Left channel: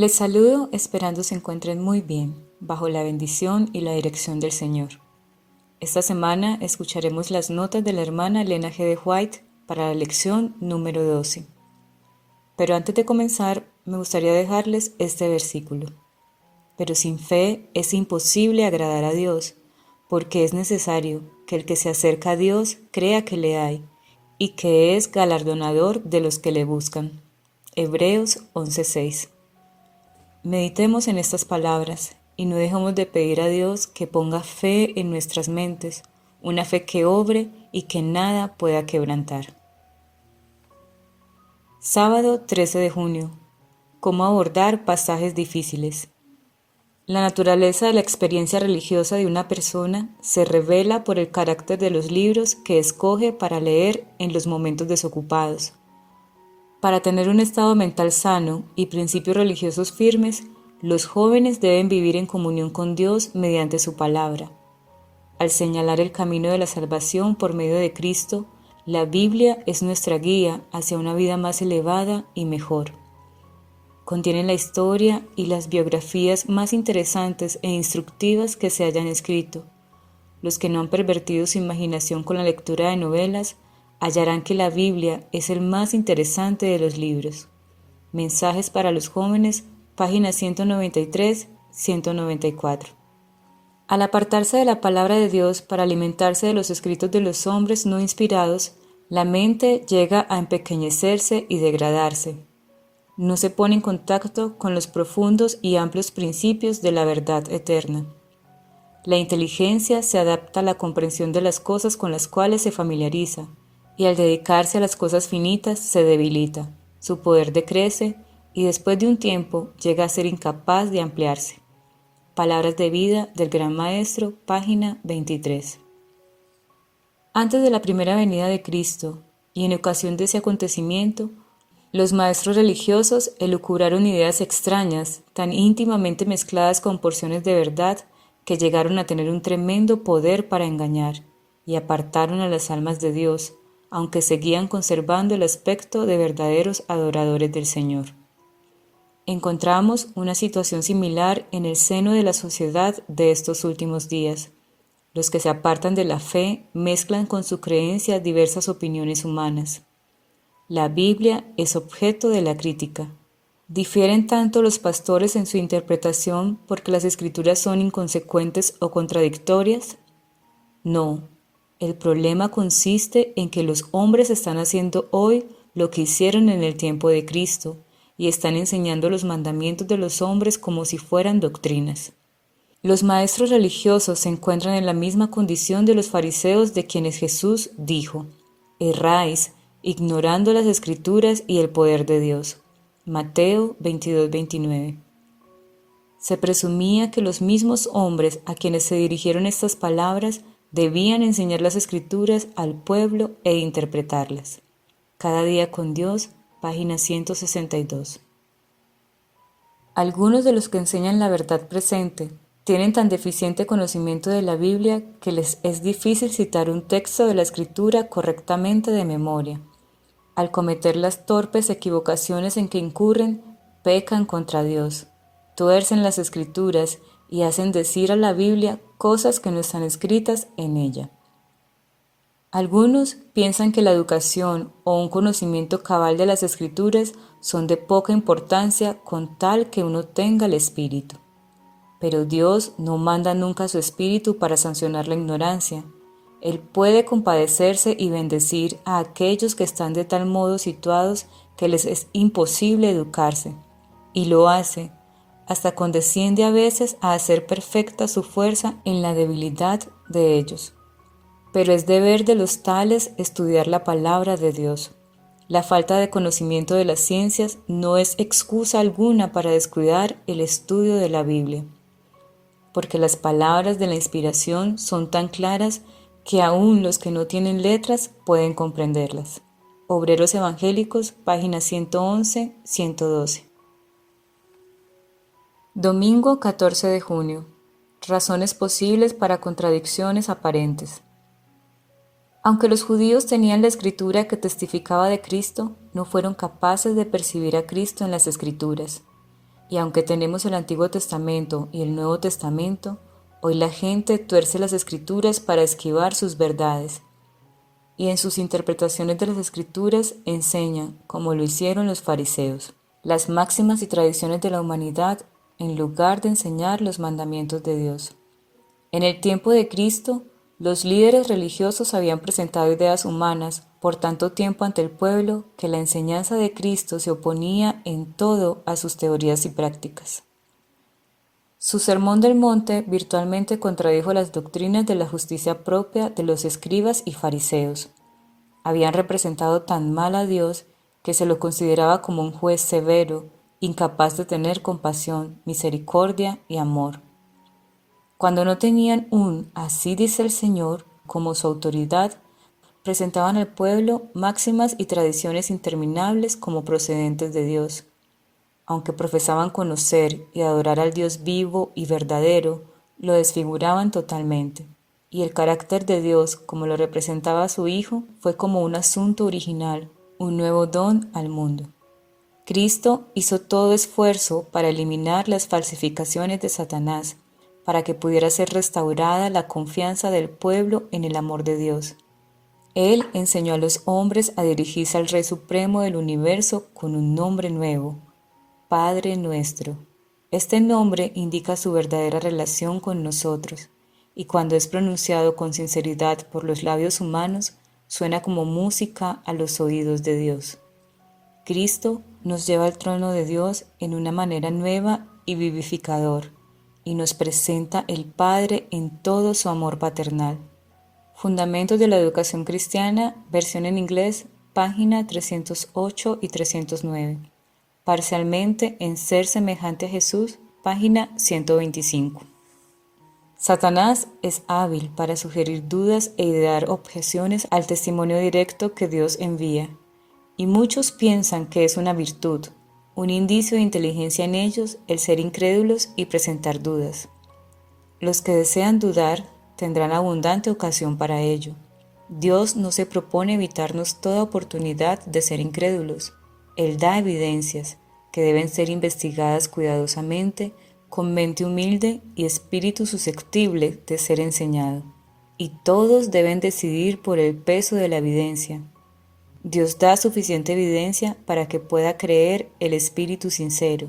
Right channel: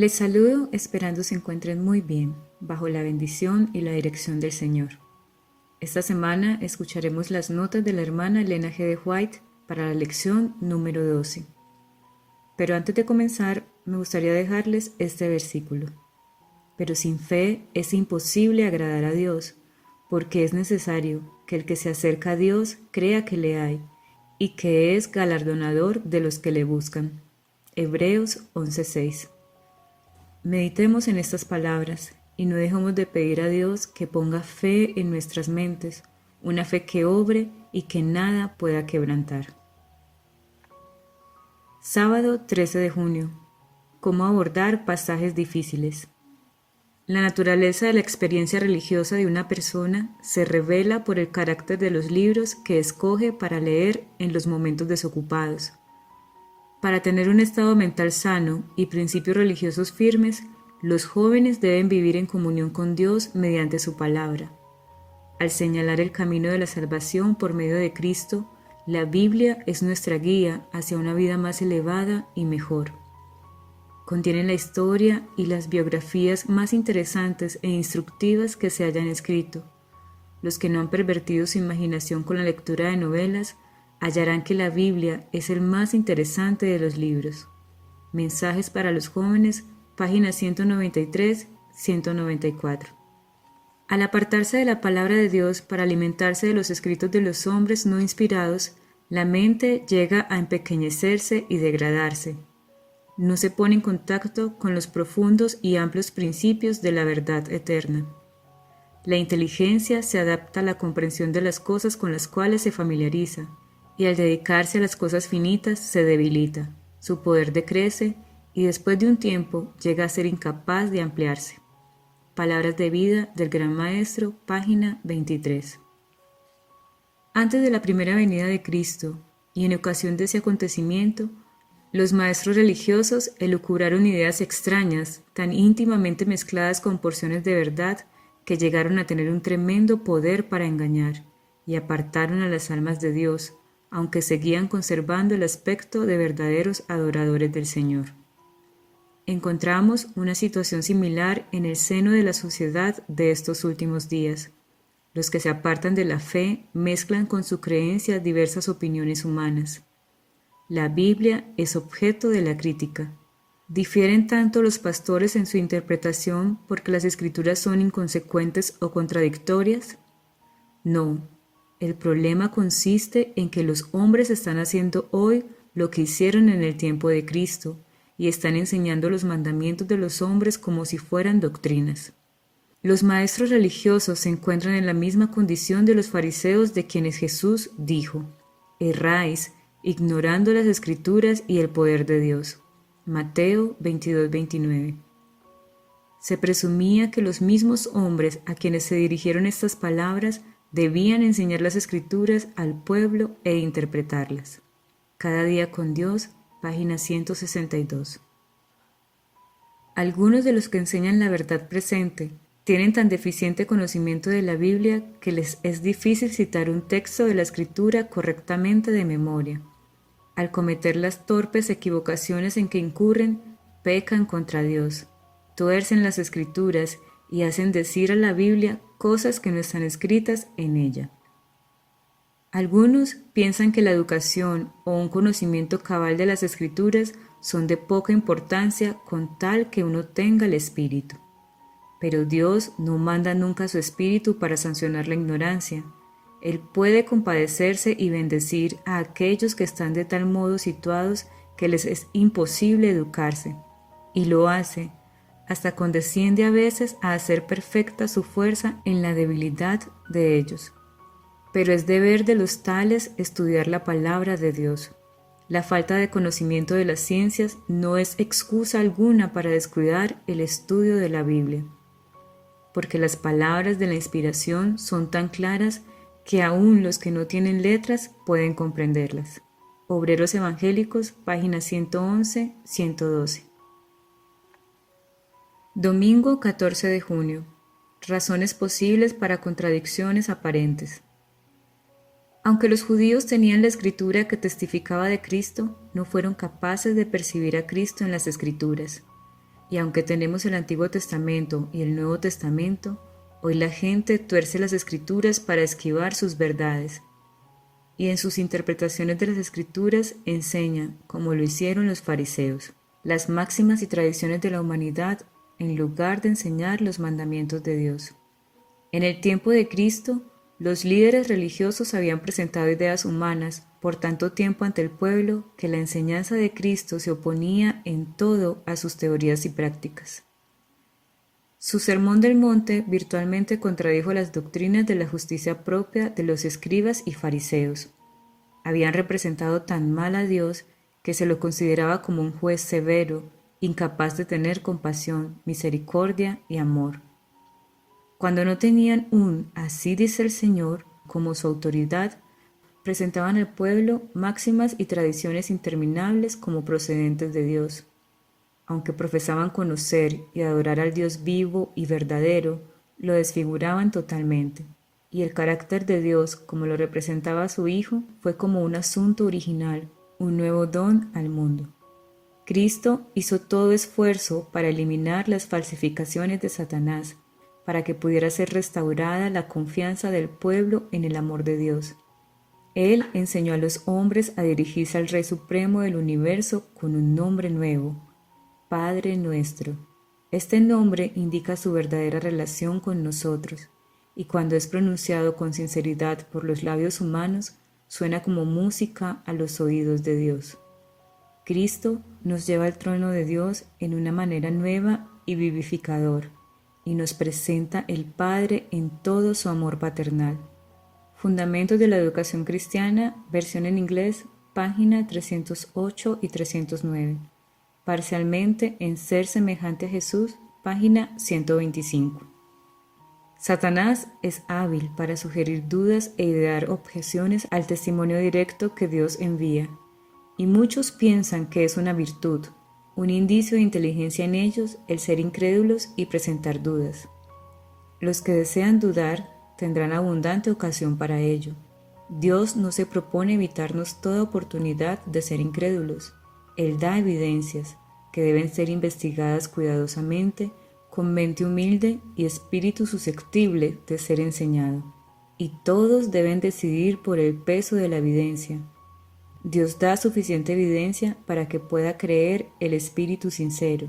Les saludo esperando se encuentren muy bien, bajo la bendición y la dirección del Señor. Esta semana escucharemos las notas de la hermana Elena G. de White para la lección número 12. Pero antes de comenzar, me gustaría dejarles este versículo. Pero sin fe es imposible agradar a Dios, porque es necesario que el que se acerca a Dios crea que le hay y que es galardonador de los que le buscan. Hebreos 11:6. Meditemos en estas palabras y no dejemos de pedir a Dios que ponga fe en nuestras mentes, una fe que obre y que nada pueda quebrantar. Sábado 13 de junio. ¿Cómo abordar pasajes difíciles? La naturaleza de la experiencia religiosa de una persona se revela por el carácter de los libros que escoge para leer en los momentos desocupados. Para tener un estado mental sano y principios religiosos firmes, los jóvenes deben vivir en comunión con Dios mediante su palabra. Al señalar el camino de la salvación por medio de Cristo, la Biblia es nuestra guía hacia una vida más elevada y mejor. Contiene la historia y las biografías más interesantes e instructivas que se hayan escrito. Los que no han pervertido su imaginación con la lectura de novelas hallarán que la Biblia es el más interesante de los libros. Mensajes para los jóvenes, páginas 193-194. Al apartarse de la palabra de Dios para alimentarse de los escritos de los hombres no inspirados, la mente llega a empequeñecerse y degradarse. No se pone en contacto con los profundos y amplios principios de la verdad eterna. La inteligencia se adapta a la comprensión de las cosas con las cuales se familiariza, y al dedicarse a las cosas finitas se debilita, su poder decrece y después de un tiempo llega a ser incapaz de ampliarse. Palabras de vida del Gran Maestro, página 23. Antes de la primera venida de Cristo y en ocasión de ese acontecimiento, los maestros religiosos elucubraron ideas extrañas, tan íntimamente mezcladas con porciones de verdad que llegaron a tener un tremendo poder para engañar y apartaron a las almas de Dios, aunque seguían conservando el aspecto de verdaderos adoradores del Señor. Encontramos una situación similar en el seno de la sociedad de estos últimos días. Los que se apartan de la fe mezclan con su creencia diversas opiniones humanas. La Biblia es objeto de la crítica. ¿Difieren tanto los pastores en su interpretación porque las escrituras son inconsecuentes o contradictorias? No. El problema consiste en que los hombres están haciendo hoy lo que hicieron en el tiempo de Cristo y están enseñando los mandamientos de los hombres como si fueran doctrinas. Los maestros religiosos se encuentran en la misma condición de los fariseos de quienes Jesús dijo: erráis, ignorando las Escrituras y el poder de Dios. Mateo 22:29. Se presumía que los mismos hombres a quienes se dirigieron estas palabras debían enseñar las Escrituras al pueblo e interpretarlas. Cada día con Dios, página 162. Algunos de los que enseñan la verdad presente tienen tan deficiente conocimiento de la Biblia que les es difícil citar un texto de la Escritura correctamente de memoria. Al cometer las torpes equivocaciones en que incurren, pecan contra Dios, tuercen las Escrituras y hacen decir a la Biblia cosas que no están escritas en ella. Algunos piensan que la educación o un conocimiento cabal de las Escrituras son de poca importancia con tal que uno tenga el Espíritu. Pero Dios no manda nunca su Espíritu para sancionar la ignorancia. Él puede compadecerse y bendecir a aquellos que están de tal modo situados que les es imposible educarse, y lo hace, hasta condesciende a veces a hacer perfecta su fuerza en la debilidad de ellos. Pero es deber de los tales estudiar la palabra de Dios. La falta de conocimiento de las ciencias no es excusa alguna para descuidar el estudio de la Biblia, porque las palabras de la inspiración son tan claras que aún los que no tienen letras pueden comprenderlas. Obreros Evangélicos, páginas 111-112. Domingo 14 de junio. Razones posibles para contradicciones aparentes. Aunque los judíos tenían la escritura que testificaba de Cristo, no fueron capaces de percibir a Cristo en las escrituras. Y aunque tenemos el Antiguo Testamento y el Nuevo Testamento, hoy la gente tuerce las Escrituras para esquivar sus verdades. Y en sus interpretaciones de las Escrituras enseñan, como lo hicieron los fariseos, las máximas y tradiciones de la humanidad en lugar de enseñar los mandamientos de Dios. En el tiempo de Cristo, los líderes religiosos habían presentado ideas humanas por tanto tiempo ante el pueblo que la enseñanza de Cristo se oponía en todo a sus teorías y prácticas. Su Sermón del Monte virtualmente contradijo las doctrinas de la justicia propia de los escribas y fariseos. Habían representado tan mal a Dios que se lo consideraba como un juez severo, incapaz de tener compasión, misericordia y amor. Cuando no tenían un "así dice el Señor" como su autoridad, presentaban al pueblo máximas y tradiciones interminables como procedentes de Dios. Aunque profesaban conocer y adorar al Dios vivo y verdadero, lo desfiguraban totalmente, y el carácter de Dios, como lo representaba su Hijo, fue como un asunto original, un nuevo don al mundo. Cristo hizo todo esfuerzo para eliminar las falsificaciones de Satanás, para que pudiera ser restaurada la confianza del pueblo en el amor de Dios. Él enseñó a los hombres a dirigirse al Rey Supremo del universo con un nombre nuevo, Padre Nuestro. Este nombre indica su verdadera relación con nosotros, y cuando es pronunciado con sinceridad por los labios humanos, suena como música a los oídos de Dios. Cristo nos lleva al trono de Dios en una manera nueva y vivificador, y nos presenta el Padre en todo su amor paternal. Fundamentos de la Educación Cristiana, versión en inglés, página 308 y 309. Parcialmente en Ser semejante a Jesús, página 125. Satanás es hábil para sugerir dudas e idear objeciones al testimonio directo que Dios envía, y muchos piensan que es una virtud, un indicio de inteligencia en ellos el ser incrédulos y presentar dudas. Los que desean dudar tendrán abundante ocasión para ello. Dios no se propone evitarnos toda oportunidad de ser incrédulos. Él da evidencias que deben ser investigadas cuidadosamente, con mente humilde y espíritu susceptible de ser enseñado. Y todos deben decidir por el peso de la evidencia. Dios da suficiente evidencia para que pueda creer el espíritu sincero,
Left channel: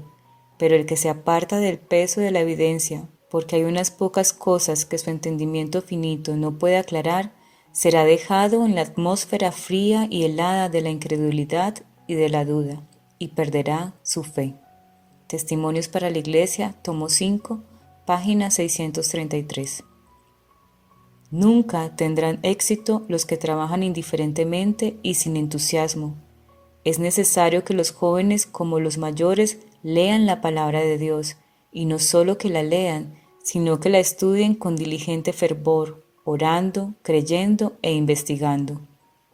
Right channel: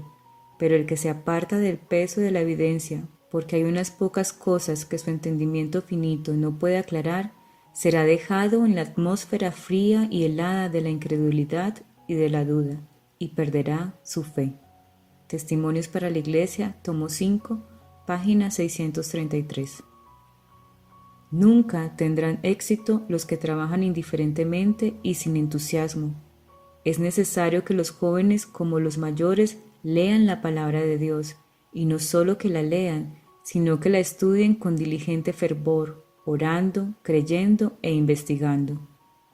pero el que se aparta del peso de la evidencia, porque hay unas pocas cosas que su entendimiento finito no puede aclarar, será dejado en la atmósfera fría y helada de la incredulidad y de la duda, y perderá su fe. Testimonios para la Iglesia, tomo 5, página 633. Nunca tendrán éxito los que trabajan indiferentemente y sin entusiasmo. Es necesario que los jóvenes como los mayores lean la palabra de Dios, y no solo que la lean, sino que la estudien con diligente fervor, orando, creyendo e investigando.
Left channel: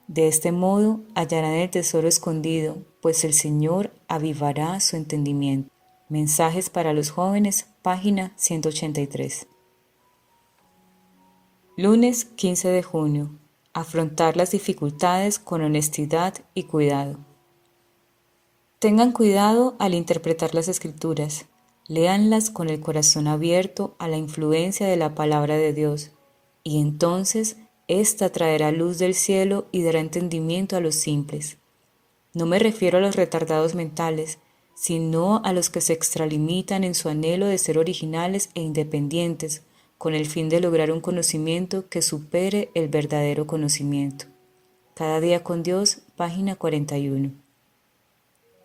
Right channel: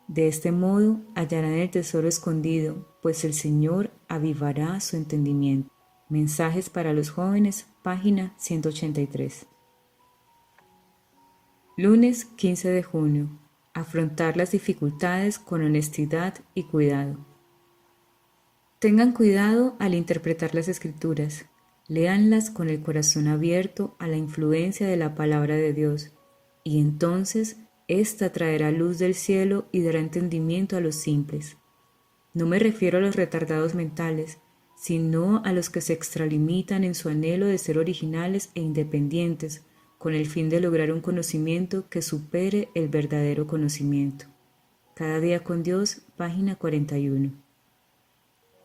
De este modo hallarán el tesoro escondido, pues el Señor avivará su entendimiento. Mensajes para los jóvenes, página 183. Lunes 15 de junio. Afrontar las dificultades con honestidad y cuidado. Tengan cuidado al interpretar las Escrituras. Léanlas con el corazón abierto a la influencia de la palabra de Dios, y entonces ésta traerá luz del cielo y dará entendimiento a los simples. No me refiero a los retardados mentales, sino a los que se extralimitan en su anhelo de ser originales e independientes, con el fin de lograr un conocimiento que supere el verdadero conocimiento. Cada día con Dios, página 41.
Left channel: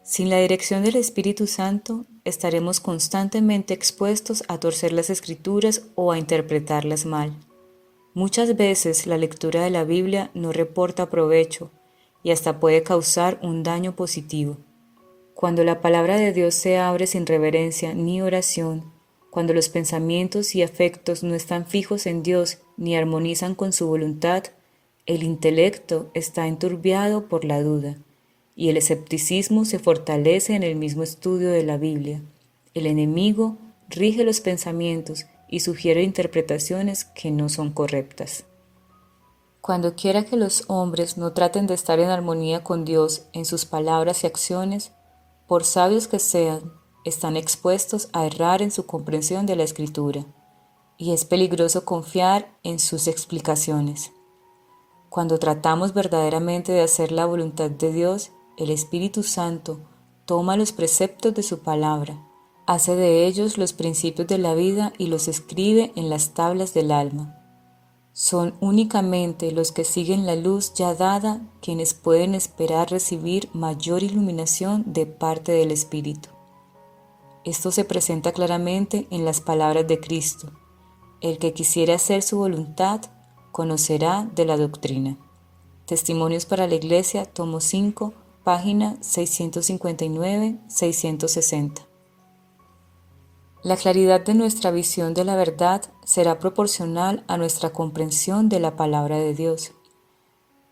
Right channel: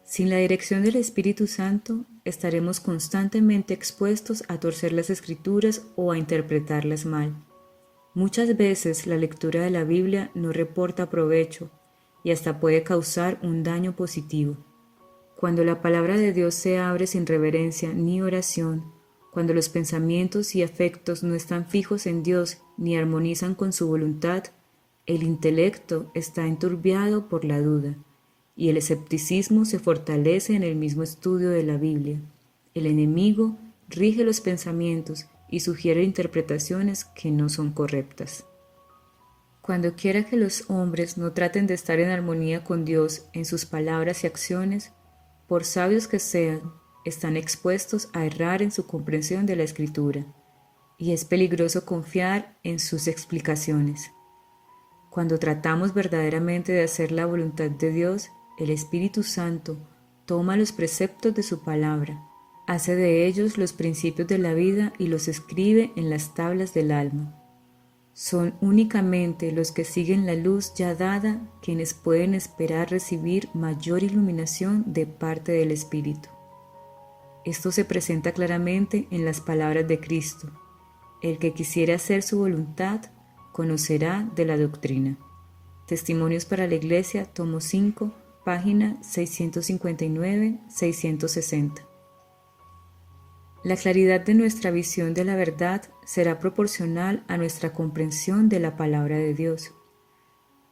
Sin la dirección del Espíritu Santo, estaremos constantemente expuestos a torcer las Escrituras o a interpretarlas mal. Muchas veces la lectura de la Biblia no reporta provecho y hasta puede causar un daño positivo. Cuando la palabra de Dios se abre sin reverencia ni oración, cuando los pensamientos y afectos no están fijos en Dios ni armonizan con su voluntad, el intelecto está enturbiado por la duda, y el escepticismo se fortalece en el mismo estudio de la Biblia. El enemigo rige los pensamientos y sugiere interpretaciones que no son correctas. Cuando quiera que los hombres no traten de estar en armonía con Dios en sus palabras y acciones, por sabios que sean, están expuestos a errar en su comprensión de la Escritura, y es peligroso confiar en sus explicaciones. Cuando tratamos verdaderamente de hacer la voluntad de Dios, el Espíritu Santo toma los preceptos de su palabra, hace de ellos los principios de la vida y los escribe en las tablas del alma. Son únicamente los que siguen la luz ya dada quienes pueden esperar recibir mayor iluminación de parte del Espíritu. Esto se presenta claramente en las palabras de Cristo: el que quisiera hacer su voluntad, conocerá de la doctrina. Testimonios para la Iglesia, tomo 5, página 659-660. La claridad de nuestra visión de la verdad será proporcional a nuestra comprensión de la palabra de Dios.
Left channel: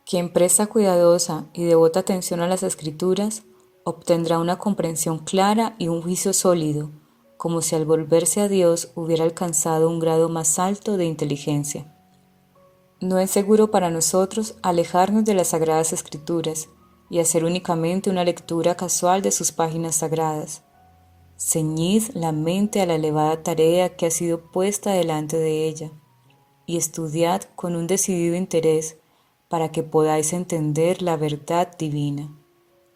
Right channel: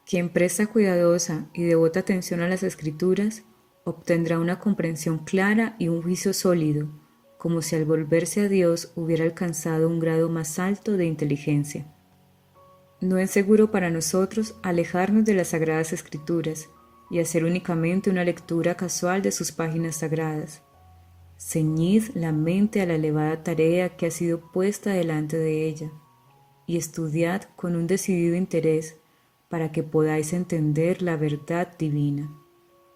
Quien presta cuidadosa y devota atención a las Escrituras obtendrá una comprensión clara y un juicio sólido, como si al volverse a Dios hubiera alcanzado un grado más alto de inteligencia. No es seguro para nosotros alejarnos de las Sagradas Escrituras y hacer únicamente una lectura casual de sus páginas sagradas. Ceñid la mente a la elevada tarea que ha sido puesta delante de ella y estudiad con un decidido interés para que podáis entender la verdad divina.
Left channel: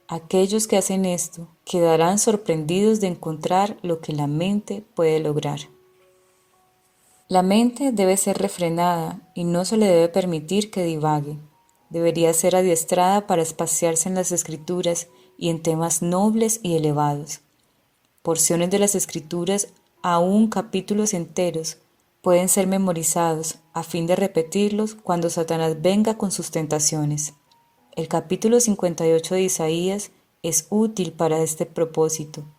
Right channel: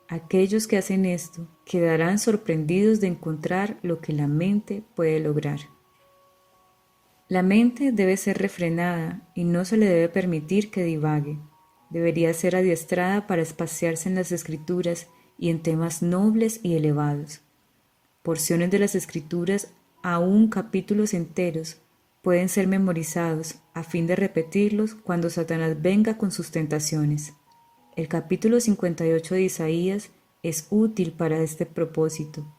Aquellos que hacen esto quedarán sorprendidos de encontrar lo que la mente puede lograr. La mente debe ser refrenada y no se le debe permitir que divague. Debería ser adiestrada para espaciarse en las Escrituras y en temas nobles y elevados. Porciones de las Escrituras, aún capítulos enteros, pueden ser memorizados a fin de repetirlos cuando Satanás venga con sus tentaciones. El capítulo 58 de Isaías es útil para este propósito.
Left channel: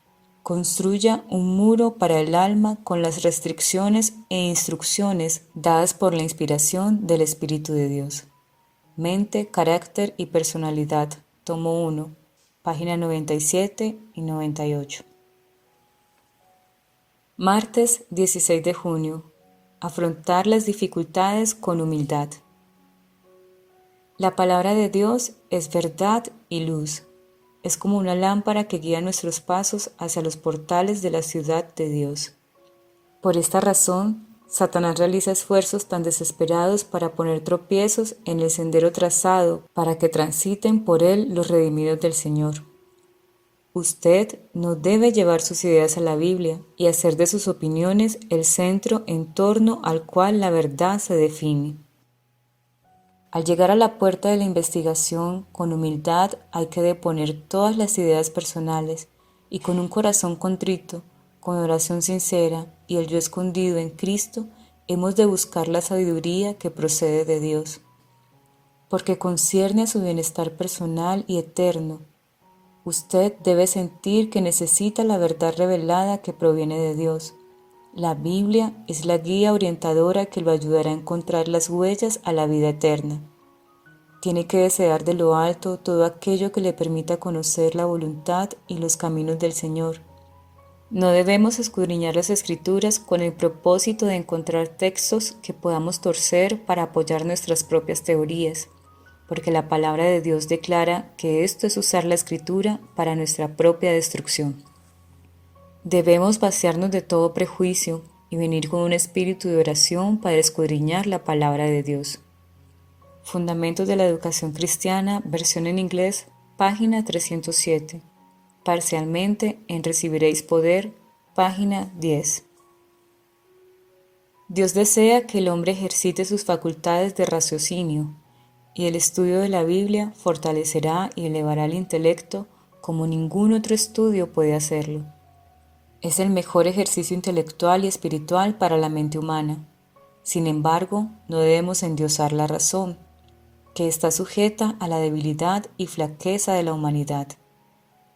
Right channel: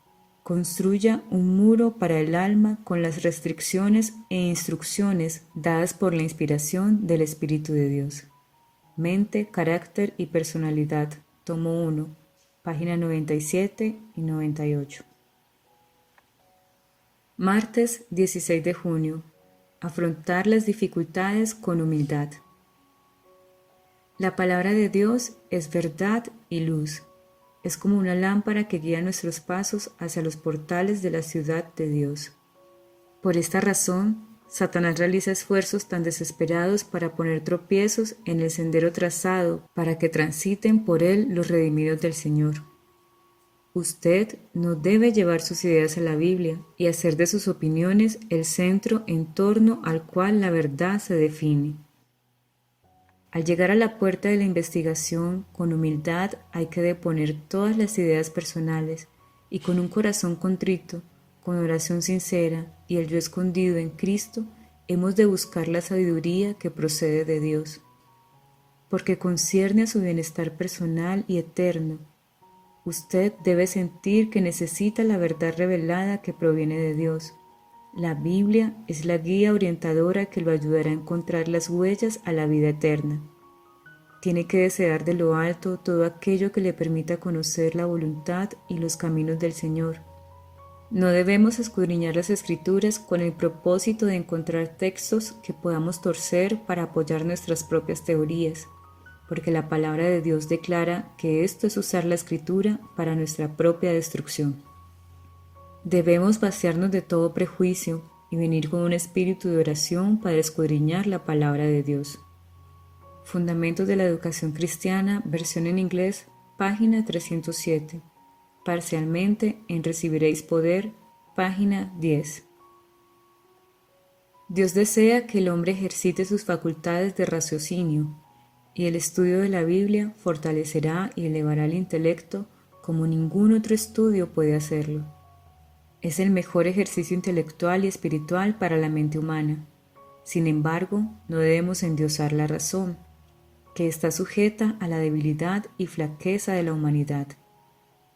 Construya un muro para el alma con las restricciones e instrucciones dadas por la inspiración del Espíritu de Dios. Mente, carácter y personalidad, tomo 1, página 97 y 98. Martes 16 de junio. Afrontar las dificultades con humildad. La palabra de Dios es verdad y luz. Es como una lámpara que guía nuestros pasos hacia los portales de la ciudad de Dios. Por esta razón, Satanás realiza esfuerzos tan desesperados para poner tropiezos en el sendero trazado para que transiten por él los redimidos del Señor. Usted no debe llevar sus ideas a la Biblia y hacer de sus opiniones el centro en torno al cual la verdad se define. Al llegar a la puerta de la investigación, con humildad hay que deponer todas las ideas personales y con un corazón contrito, con oración sincera y el yo escondido en Cristo, hemos de buscar la sabiduría que procede de Dios, porque concierne a su bienestar personal y eterno. Usted debe sentir que necesita la verdad revelada que proviene de Dios. La Biblia es la guía orientadora que lo ayudará a encontrar las huellas a la vida eterna. Tiene que desear de lo alto todo aquello que le permita conocer la voluntad y los caminos del Señor. No debemos escudriñar las Escrituras con el propósito de encontrar textos que podamos torcer para apoyar nuestras propias teorías, porque la palabra de Dios declara que esto es usar la Escritura para nuestra propia destrucción. Debemos vaciarnos de todo prejuicio y venir con un espíritu de oración para escudriñar la palabra de Dios. Fundamentos de la Educación Cristiana, versión en inglés, página 307. Parcialmente en Recibiréis Poder, página 10. Dios desea que el hombre ejercite sus facultades de raciocinio, y el estudio de la Biblia fortalecerá y elevará el intelecto como ningún otro estudio puede hacerlo. Es el mejor ejercicio intelectual y espiritual para la mente humana. Sin embargo, no debemos endiosar la razón, que está sujeta a la debilidad y flaqueza de la humanidad.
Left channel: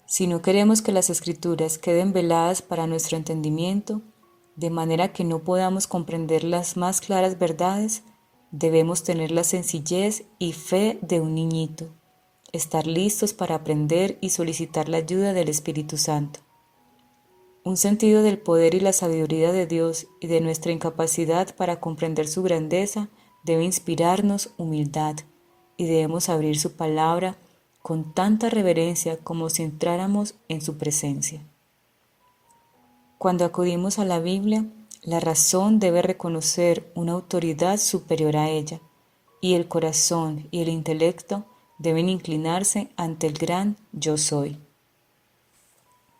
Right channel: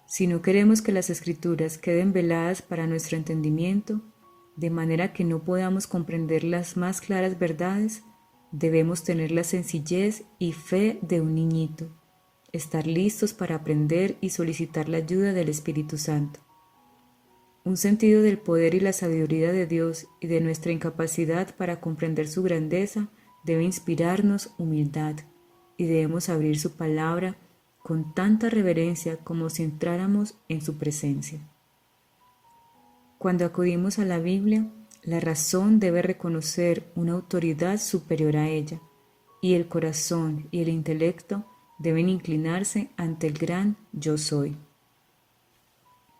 Si no queremos que las Escrituras queden veladas para nuestro entendimiento, de manera que no podamos comprender las más claras verdades, debemos tener la sencillez y fe de un niñito, estar listos para aprender y solicitar la ayuda del Espíritu Santo. Un sentido del poder y la sabiduría de Dios y de nuestra incapacidad para comprender su grandeza debe inspirarnos humildad, y debemos abrir su palabra con tanta reverencia como si entráramos en su presencia. Cuando acudimos a la Biblia, la razón debe reconocer una autoridad superior a ella, y el corazón y el intelecto deben inclinarse ante el gran Yo Soy.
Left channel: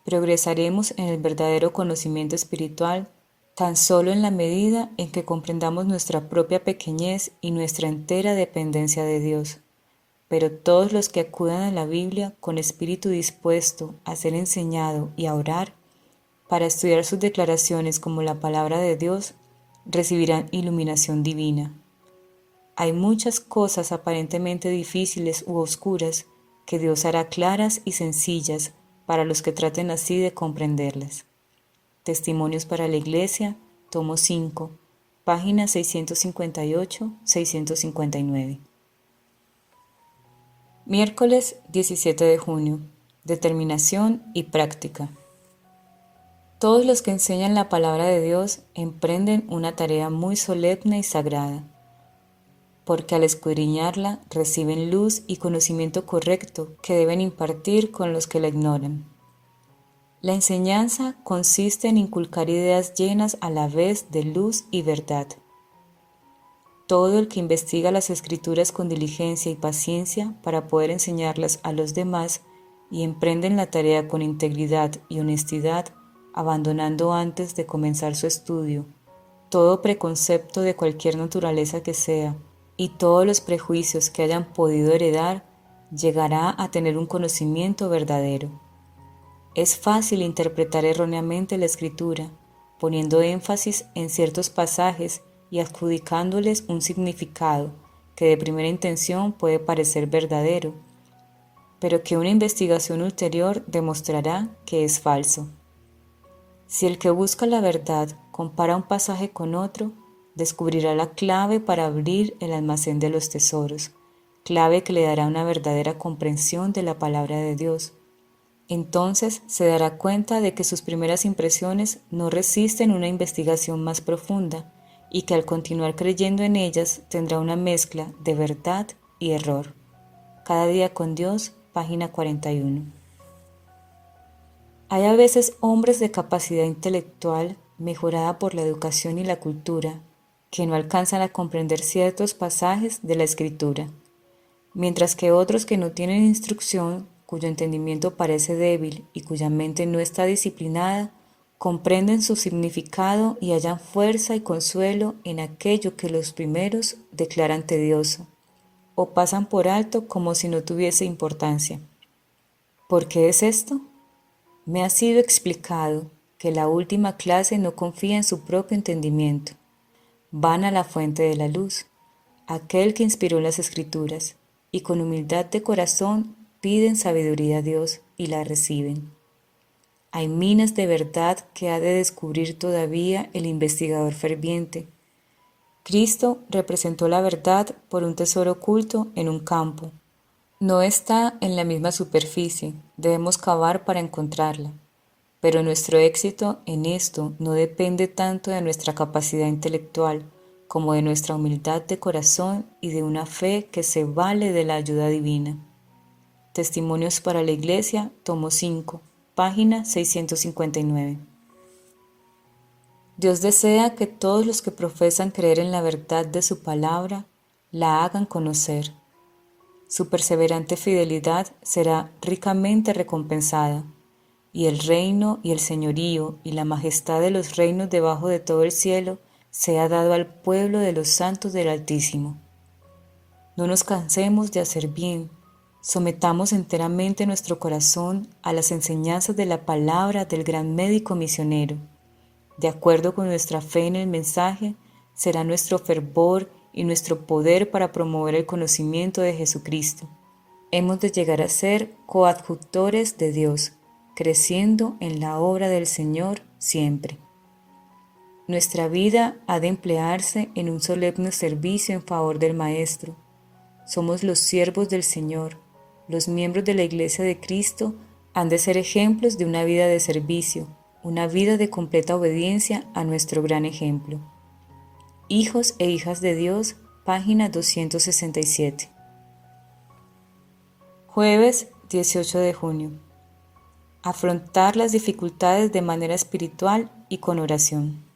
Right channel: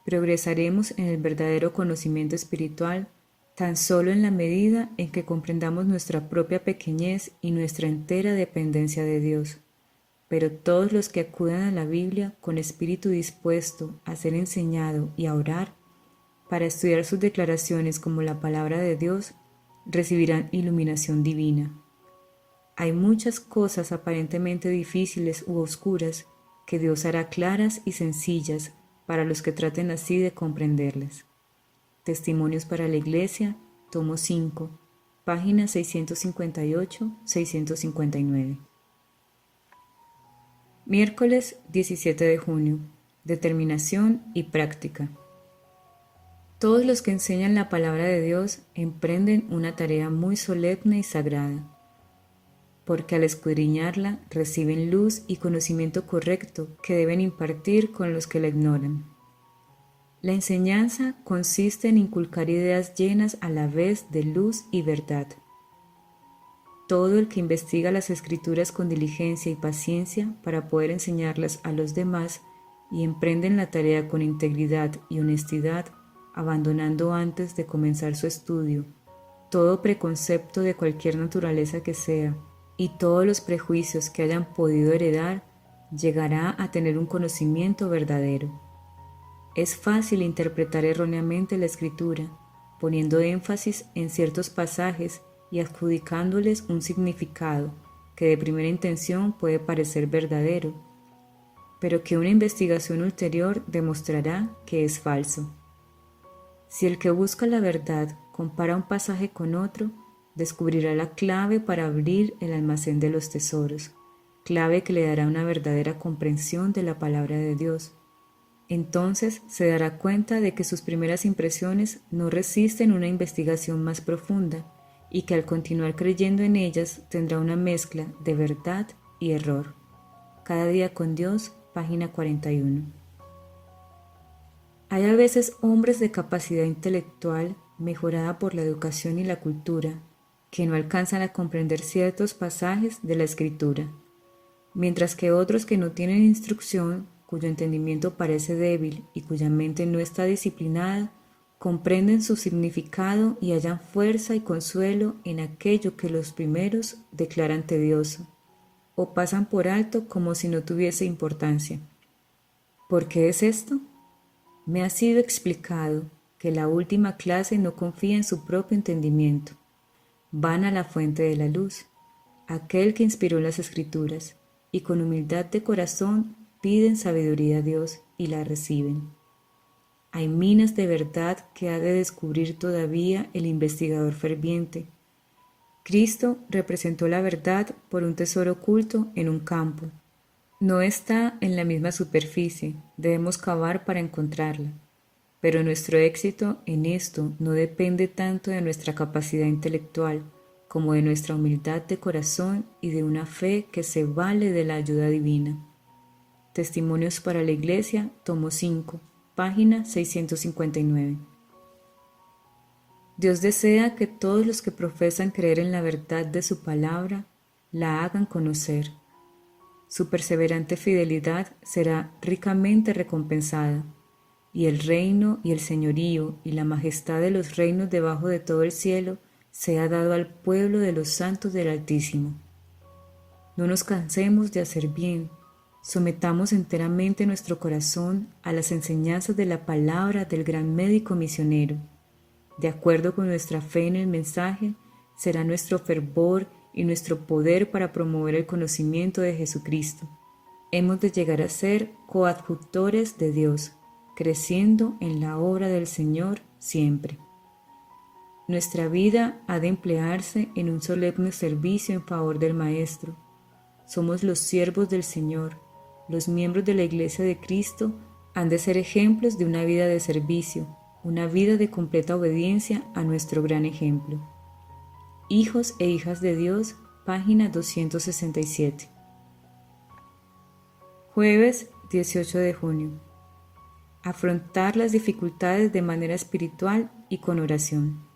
Progresaremos en el verdadero conocimiento espiritual tan solo en la medida en que comprendamos nuestra propia pequeñez y nuestra entera dependencia de Dios. Pero todos los que acudan a la Biblia con espíritu dispuesto a ser enseñado y a orar, para estudiar sus declaraciones como la palabra de Dios, recibirán iluminación divina. Hay muchas cosas aparentemente difíciles u oscuras que Dios hará claras y sencillas para los que traten así de comprenderlas. Testimonios para la Iglesia, tomo 5, páginas 658-659. Miércoles 17 de junio. Determinación y práctica. Todos los que enseñan la palabra de Dios emprenden una tarea muy solemne y sagrada, porque al escudriñarla reciben luz y conocimiento correcto que deben impartir con los que la ignoran. La enseñanza consiste en inculcar ideas llenas a la vez de luz y verdad. Todo el que investiga las Escrituras con diligencia y paciencia para poder enseñarlas a los demás y emprenden la tarea con integridad y honestidad, abandonando antes de comenzar su estudio todo preconcepto de cualquier naturaleza que sea y todos los prejuicios que hayan podido heredar, llegará a tener un conocimiento verdadero. Es fácil interpretar erróneamente la Escritura, poniendo énfasis en ciertos pasajes y adjudicándoles un significado que de primera intención puede parecer verdadero, pero que una investigación ulterior demostrará que es falso. Si el que busca la verdad compara un pasaje con otro, descubrirá la clave para abrir el almacén de los tesoros, clave que le dará una verdadera comprensión de la palabra de Dios. Entonces se dará cuenta de que sus primeras impresiones no resisten una investigación más profunda y que al continuar creyendo en ellas tendrá una mezcla de verdad y error. Cada día con Dios, página 41. Hay a veces hombres de capacidad intelectual mejorada por la educación y la cultura que no alcanzan a comprender ciertos pasajes de la Escritura, mientras que otros que no tienen instrucción, cuyo entendimiento parece débil y cuya mente no está disciplinada, comprenden su significado y hallan fuerza y consuelo en aquello que los primeros declaran tedioso, o pasan por alto como si no tuviese importancia. ¿Por qué es esto? Me ha sido explicado que la última clase no confía en su propio entendimiento. Van a la fuente de la luz, aquel que inspiró las Escrituras, y con humildad de corazón piden sabiduría a Dios y la reciben. Hay minas de verdad que ha de descubrir todavía el investigador ferviente. Cristo representó la verdad por un tesoro oculto en un campo. No está en la misma superficie, debemos cavar para encontrarla. Pero nuestro éxito en esto no depende tanto de nuestra capacidad intelectual como de nuestra humildad de corazón y de una fe que se vale de la ayuda divina. Testimonios para la Iglesia, tomo 5, página 659. Dios desea que todos los que profesan creer en la verdad de su palabra la hagan conocer. Su perseverante fidelidad será ricamente recompensada, y el reino y el señorío y la majestad de los reinos debajo de todo el cielo sea dado al pueblo de los santos del Altísimo. No nos cansemos de hacer bien, sometamos enteramente nuestro corazón a las enseñanzas de la palabra del gran médico misionero. De acuerdo con nuestra fe en el mensaje, será nuestro fervor y nuestro poder para promover el conocimiento de Jesucristo. Hemos de llegar a ser coadjutores de Dios, creciendo en la obra del Señor siempre. Nuestra vida ha de emplearse en un solemne servicio en favor del Maestro. Somos los siervos del Señor. Los miembros de la Iglesia de Cristo han de ser ejemplos de una vida de servicio, una vida de completa obediencia a nuestro gran ejemplo. Hijos e hijas de Dios, página 267. Jueves 18 de junio. afrontar las dificultades de manera espiritual y con oración.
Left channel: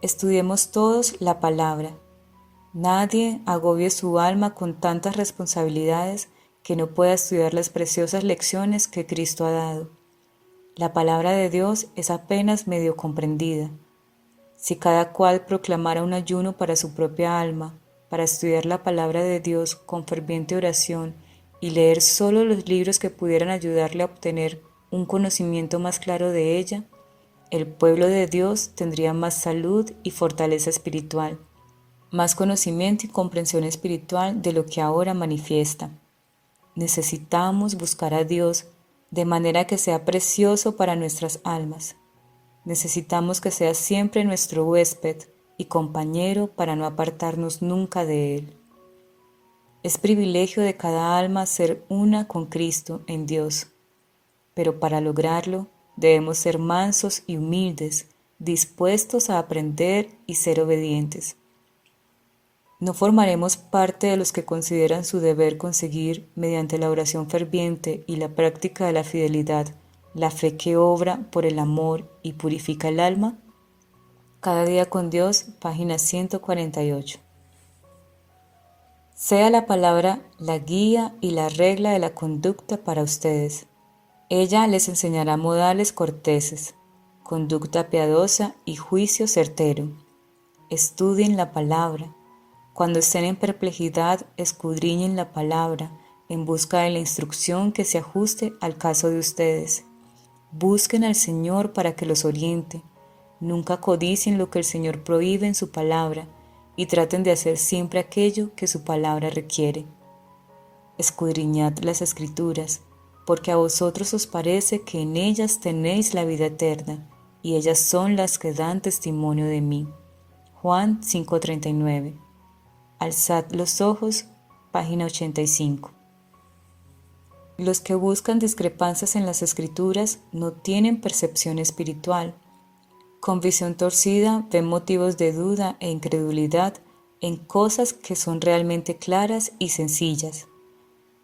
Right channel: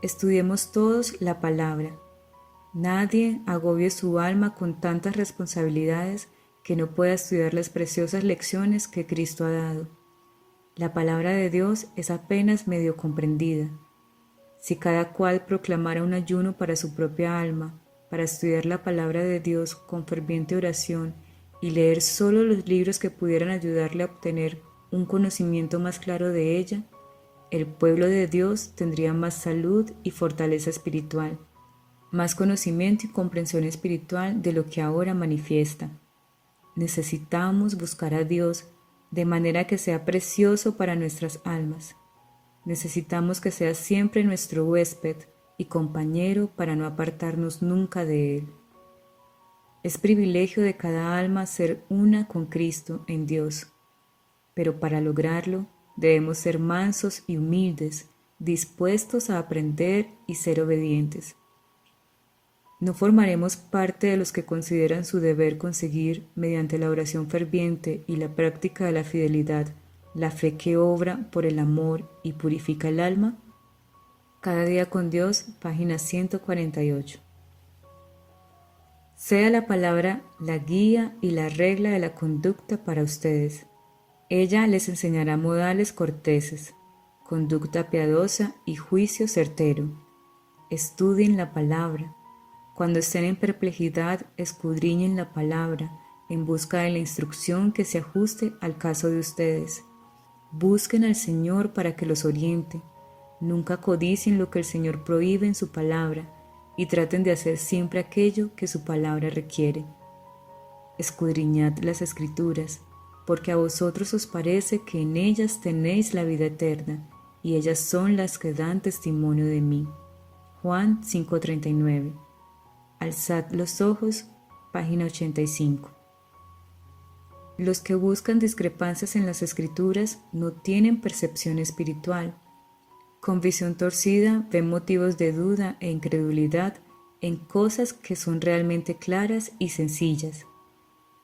Estudiemos todos la palabra. Nadie agobie su alma con tantas responsabilidades que no pueda estudiar las preciosas lecciones que Cristo ha dado. La palabra de Dios es apenas medio comprendida. Si cada cual proclamara un ayuno para su propia alma, para estudiar la palabra de Dios con ferviente oración y leer solo los libros que pudieran ayudarle a obtener un conocimiento más claro de ella, el pueblo de Dios tendría más salud y fortaleza espiritual, más conocimiento y comprensión espiritual de lo que ahora manifiesta. Necesitamos buscar a Dios de manera que sea precioso para nuestras almas. Necesitamos que sea siempre nuestro huésped y compañero para no apartarnos nunca de Él. Es privilegio de cada alma ser una con Cristo en Dios, pero para lograrlo debemos ser mansos y humildes, dispuestos a aprender y ser obedientes. No formaremos parte de los que consideran su deber conseguir, mediante la oración ferviente y la práctica de la fidelidad, la fe que obra por el amor y purifica el alma. Cada día con Dios, página 148. Sea la palabra la guía y la regla de la conducta para ustedes. Ella les enseñará modales corteses, conducta piadosa y juicio certero. Estudien la palabra. Cuando estén en perplejidad, escudriñen la palabra en busca de la instrucción que se ajuste al caso de ustedes. Busquen al Señor para que los oriente. Nunca codicien lo que el Señor prohíbe en su palabra y traten de hacer siempre aquello que su palabra requiere. Escudriñad las Escrituras, porque a vosotros os parece que en ellas tenéis la vida eterna, y ellas son las que dan testimonio de mí. Juan 5:39. Alzad los ojos, página 85. Los que buscan discrepancias en las Escrituras no tienen percepción espiritual. Con visión torcida ven motivos de duda e incredulidad en cosas que son realmente claras y sencillas.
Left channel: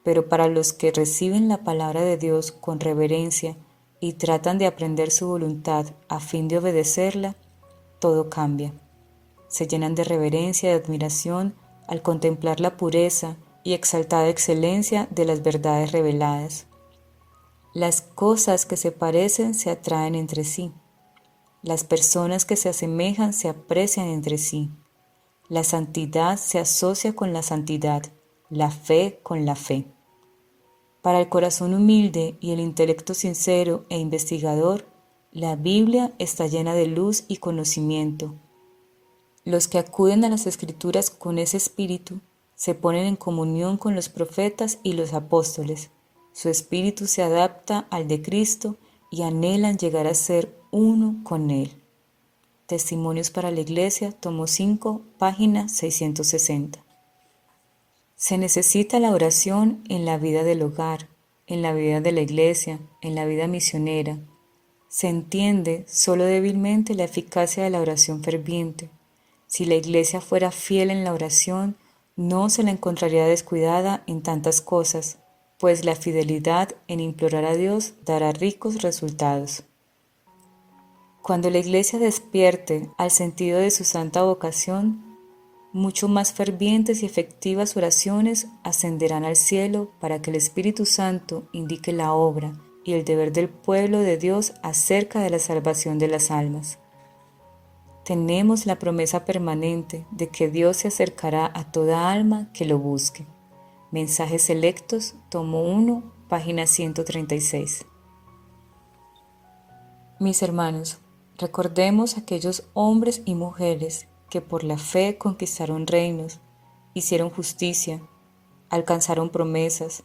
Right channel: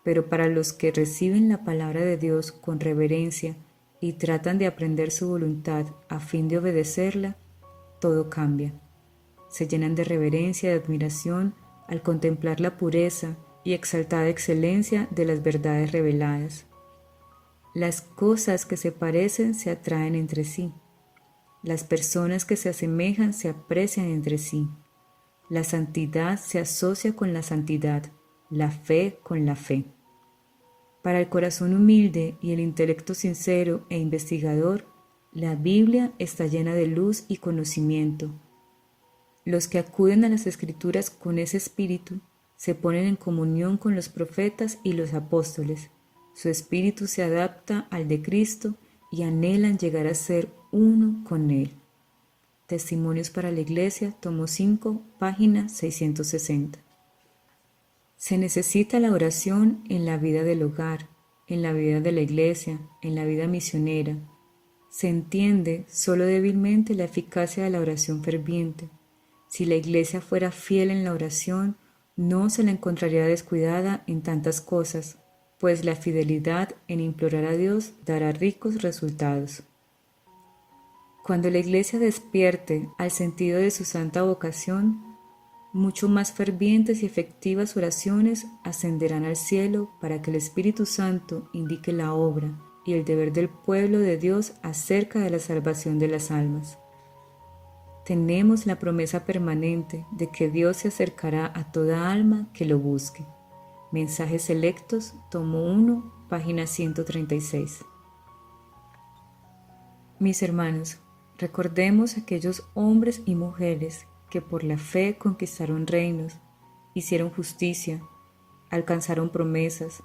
Pero para los que reciben la palabra de Dios con reverencia y tratan de aprender su voluntad a fin de obedecerla, todo cambia. Se llenan de reverencia y de admiración al contemplar la pureza y exaltada excelencia de las verdades reveladas. Las cosas que se parecen se atraen entre sí. Las personas que se asemejan se aprecian entre sí. La santidad se asocia con la santidad, la fe con la fe. Para el corazón humilde y el intelecto sincero e investigador, la Biblia está llena de luz y conocimiento. Los que acuden a las Escrituras con ese espíritu se ponen en comunión con los profetas y los apóstoles. Su espíritu se adapta al de Cristo y anhelan llegar a ser uno con Él. Testimonios para la Iglesia, tomo 5, página 660. Se necesita la oración en la vida del hogar, en la vida de la iglesia, en la vida misionera. Se entiende solo débilmente la eficacia de la oración ferviente. Si la iglesia fuera fiel en la oración, no se la encontraría descuidada en tantas cosas, pues la fidelidad en implorar a Dios dará ricos resultados. Cuando la iglesia despierte al sentido de su santa vocación, mucho más fervientes y efectivas oraciones ascenderán al cielo para que el Espíritu Santo indique la obra y el deber del pueblo de Dios acerca de la salvación de las almas. Tenemos la promesa permanente de que Dios se acercará a toda alma que lo busque. Mensajes selectos, tomo 1, página 136. Mis hermanos, recordemos aquellos hombres y mujeres que por la fe conquistaron reinos, hicieron justicia, alcanzaron promesas,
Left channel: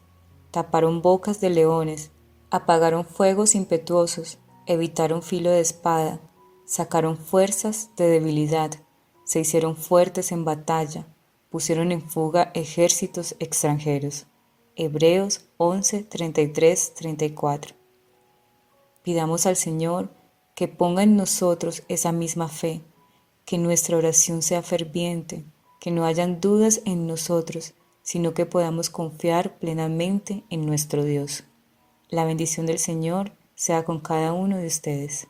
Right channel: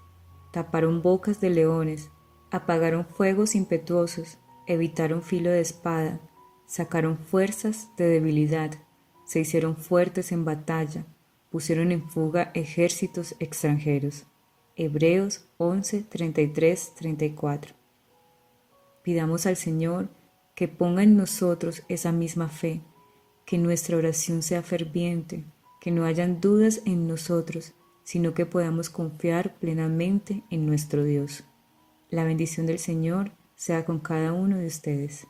taparon bocas de leones, apagaron fuegos impetuosos, evitaron filo de espada, sacaron fuerzas de debilidad, se hicieron fuertes en batalla, pusieron en fuga ejércitos extranjeros. Hebreos 11, 33, 34. Pidamos al Señor que ponga en nosotros esa misma fe, que nuestra oración sea ferviente, que no hayan dudas en nosotros, sino que podamos confiar plenamente en nuestro Dios. La bendición del Señor sea con cada uno de ustedes.